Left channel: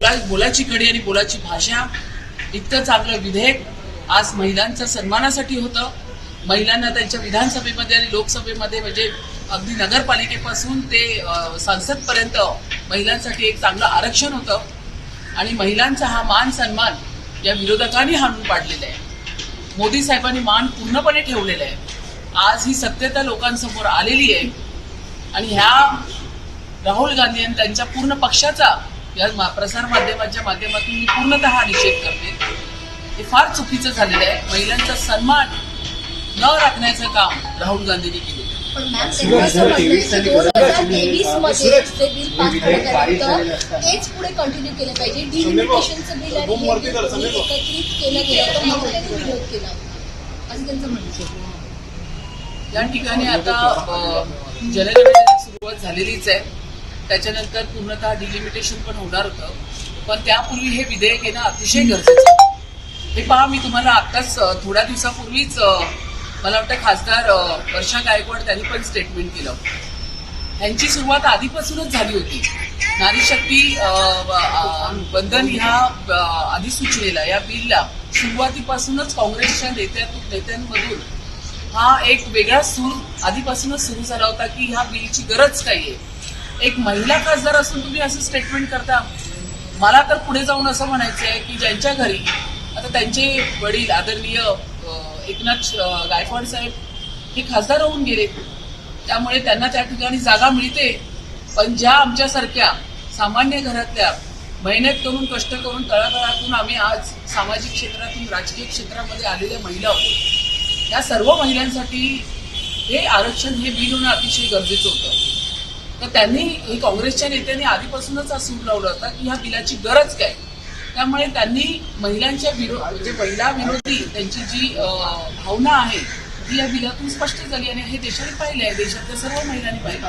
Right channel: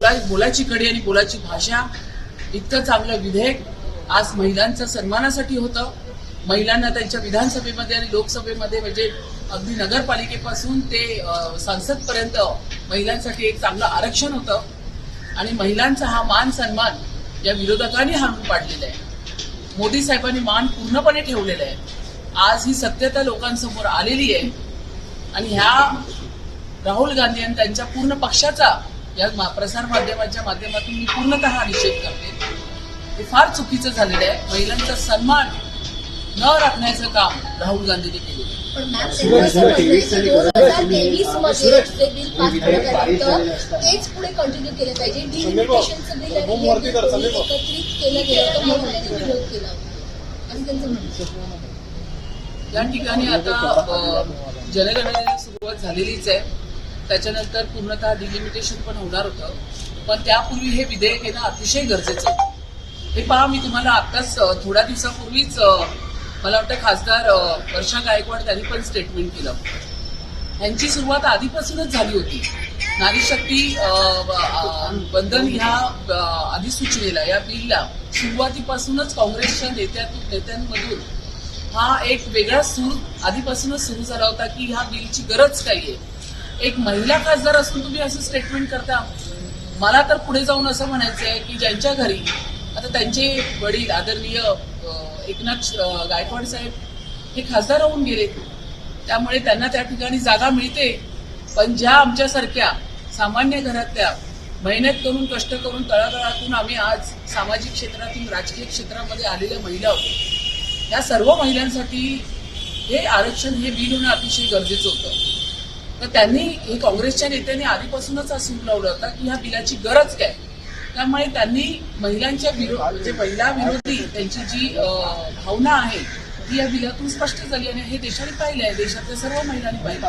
बोलाची कडी आणि बोलाची भाषा इतकं चांगलं विधेयक आज महिलांच्या सन्मानासाठी होतं. महिलांना त्यांच्या विधानसभेमध्ये आणि लोकसभेमध्ये म्हणजे अगदी नगरपालिकेपासून ते संसदपर्यंत महिलांसाठी एक चांगलं आरक्षण होतं आणि महिलांचा हा मान सन्मान या विरोधकांनी हाणून पाडलेला आहे. मोदी साहेबांनी मान पूर्णपणे ठेवलेला आहे. आज ही सत्यता लोकांसमोर आलेली आहे आणि ह्या राहुल गांधी आणि त्यांच्या पूर्ण पक्षाचा या प्रसार माध्यमाच्या माध्यमातून मी पूर्णतः निषेध करते. हे फार चुकीचं झालेलं आहे. महिलांचा सन्मान न राखण्याचं काम राहुल गांधींनी केलं. 2023 मध्ये जे बिल पास झाल्यानंतर तेच पुढे कंटिन्यू केलं पाहिजे. डिलिमिटेशनचं बिल आणि एकत्रित केलं गेलं तर मग त्यांनी विरोध केला असं त्यांचं म्हणणं. या ठिकाणी आता जनगणनेची सुरुवात झालेलीच आहे. त्याच्यानंतर पूर्णतः डिलिमिटेशन पण होणार होतं, पण त्यापूर्वी हे विधेयक येणं अतिशय गरजेचं आहे. हे पहा, मी तुम्हाला आत्ताच थोड्या दिवसापूर्वीच मला वाटतं खासदार वर्षा गायकवाड त्यांनी पण स्टेटमेंट केलं. त्यांची सुरुवात आधीपासूनच झाली होती. नारी शक्ती बंधन ह्या अधिसूचनेला, या बिलला सुरुवातीपासूनच काँग्रेसच्या नेत्यांमधून हा एक वेगळा सूर आधीपासूनच सुरू झाला होता की ह्या बिलची गरज काय आहे. एक महिला खासदार असून तुम्ही असं स्टेटमेंट करता. मला तर पुढे जाऊन असं म्हणायचं आहे की ज्यांच्या घरी आता त्यांचे वडील आदरणीय एकनाथ गायकवाड साहेब हे खासदार होऊन गेले, त्यामुळे त्यांना त्या ठिकाणी जागा मिळते. पण ज्या आमच्यासारख्या सामान्य घरातल्या मेहनत करून कष्ट करून तळागाळातून आम्ही आज सामाजिक क्षेत्रातून राजकीय क्षेत्रामध्ये आलेल्या महिला होतो, त्या सर्व महिलांसाठी हे आरक्षण, हे बिल होणं अतिशय गरजेचं होतं. तर त्यांनी, हे काँग्रेसच्या नेत्यांनी आधीपासूनच हा सूर लावला होता की ह्या बिलाची गरज काय. त्यामुळे त्यांनी महिलांच्या म्हणजे महिला विरोधी त्यांची जी भावना आहे ती या बिलातून स्पष्ट झाली आणि हे देशाने पाहिलं आहे, देशातल्या सर्व महिलांनी पाहिलं.